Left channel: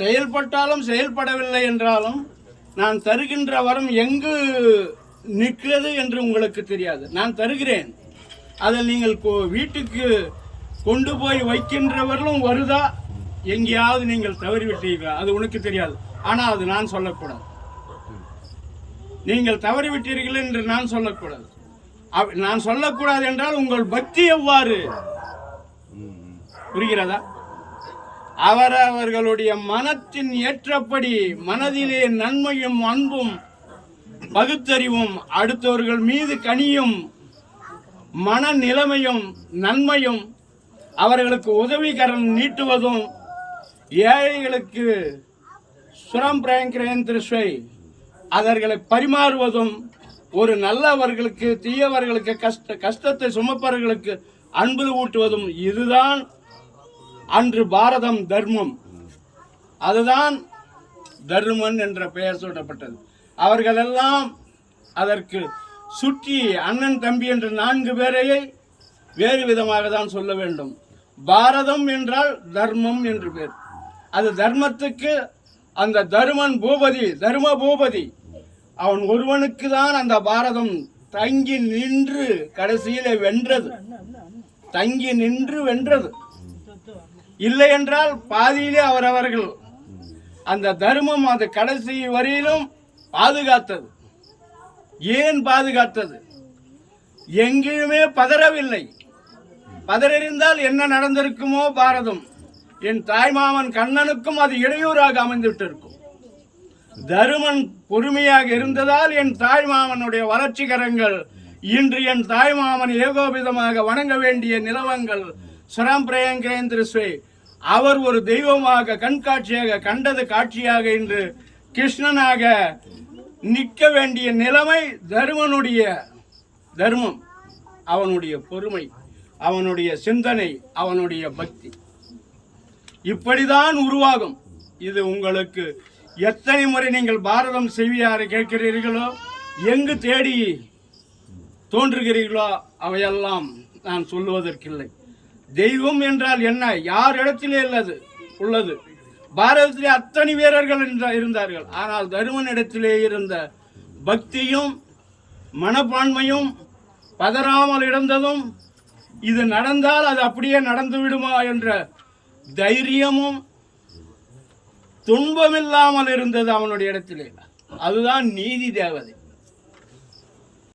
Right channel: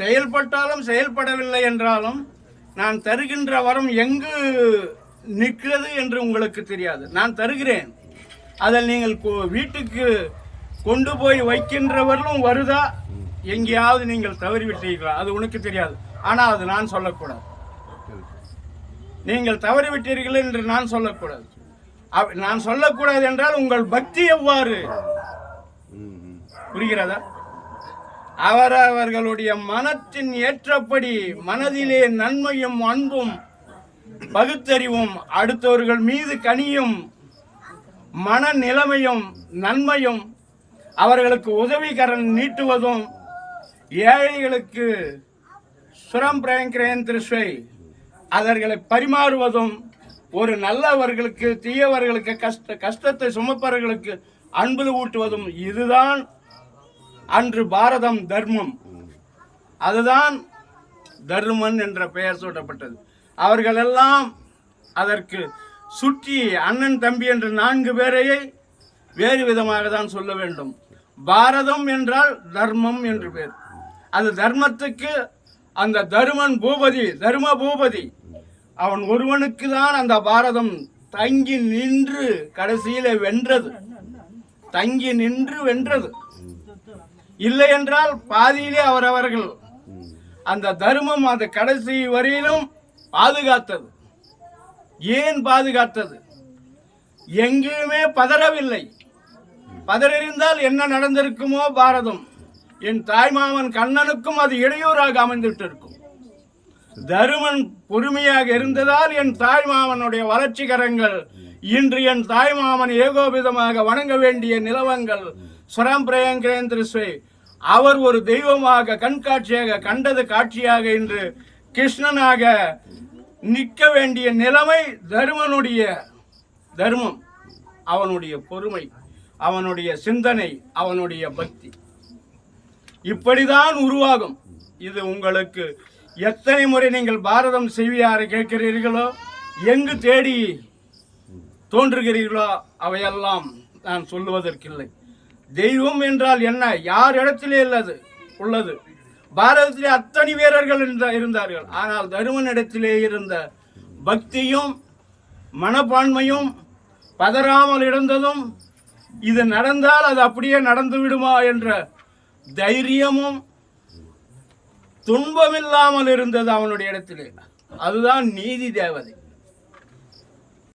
செயல்பட்டாலும் செயல்படவில்லை என்றாலும் நான் தருகின்ற வரம் எங்கு நிற்கிறது என்று உங்களுக்கு தெரியாது. நான் தருகிறேன், அதை நீங்கள் வீட்டுக்கு கொண்டு போய் வைக்கின்றவர்களும் வருதா, எங்கேயாவது நீங்கள் தவறிவிட்டீர்களா, அது உனக்கு தெரியாது. ஆனால் அது நான் சொல்லக்கூடாது. நீங்கள் தவறிவிட்டீர்கள் என்று நான் சொல்லக்கூடாது. நான் சொல்லக்கூடாது என்றால் உங்கள் பக்தி எவ்வாறு, புரிகிறதா? அவரவர்களுடைய மனத்தின் ஏற்றபடி மனதிலே நன்மையும் அன்பும் பகுத்தறிவும் அடுத்தவர்கள் மீது கனியும் மன நிலைமையும் நன்மையும் அவர்களுக்கு உதவிகரம் நீட்டுவதும் ஏழைகளுக்கு சுரம் பிரயங்கிரேன் திருஷ்வை அவர்களை பரிமாறுவதும் ஒரு நல்லவர்களுக்கு தீயவர்களுக்கு கஷ்டத்தை சுமப்பவர்களுக்கு அன்பு ஊட்டுவதும் இதுதான் அன்று பாரதம் தர்மம். அதுதான் தர்மன் என்ற பெயர் சூட்டப்பட்டது. அவர்களெல்லாம் அதற்கு சுற்றி அண்ணன் தம்பி என்ற 4 பேரையே வேறு விதமாக தான் சொல்ல வேண்டும். பாரதம் என்றால் தர்மம் என்று பேர். அது தர்மத்துக்கு அந்த தருமன் பூபதி, தர்ம பூபதி, அவன் ஒருவனுக்கு தான் அந்த பாரதம் தங்கி நின்று கடைசியில வென்றது. தங்கி நின்று வென்றது. இல்லை என்றால் பாதியிலே அவரவர்கள் அந்த தர்மம் அந்த கடைசி வரையிலும் பாதுகாத்தது. ஏன் பாதுகாத்தது? எங்கேயுமே பதறவில்லை. பதறிந்தால் என்ன நடந்திருக்குமோ பாரதம். என் தாய்மாமன் கண்ணனுக்கும் அது இடையூறாக அமைந்துவிட்டு இருக்கும். தருமன் பொறுமையாக இருந்ததால் என் தாய்மாமனுடைய வளர்ச்சிகரங்கள் இன்று என் தாய்மாமன் ஏகோபிதமாக வணங்க வேண்டிய நிலவங்கள் சுரம் பிரயங்கிரேந்திரஸ்வே அவர் ஒரு தெய்வமாக கண்காட்சியாக கண்டது காட்சியாக இன்று கிருஷ்ணனாக நிற்க வேண்டிய நிலைமை தருமனுடைய தர்மம், அவனுடைய பொறுமை, அவனுடைய சிந்தனை, அவனுடைய பக்தி இப்படிதான் உருவாகும். இது உங்களுக்கு எத்தனை முறை நீங்கள் பாரதம் செய்வியாரை கேட்கிறீர்களோ, எங்கு தேடி தோன்றுகிறீர்களோ அவையெல்லாம் நான் சொல்லுவதற்கில்லை. தெய்வம் என்றால் என்ன, யார் இடத்திலே உள்ளது? பாரதத்திலே அத்தனை வீரர்கள் இருந்தார்கள். ஆனால் தருமன் இடத்திலே இருந்த பக்தியும் மனப்பான்மையும் பதறாமல் இருந்ததும், இது நடந்தால் அது அப்படியே நடந்து விடுமா என்ற தைரியமும் துன்பமில்லாமல் இருந்தது அவனுடைய இடத்திலே. அதுதான் நீதி தேவதை.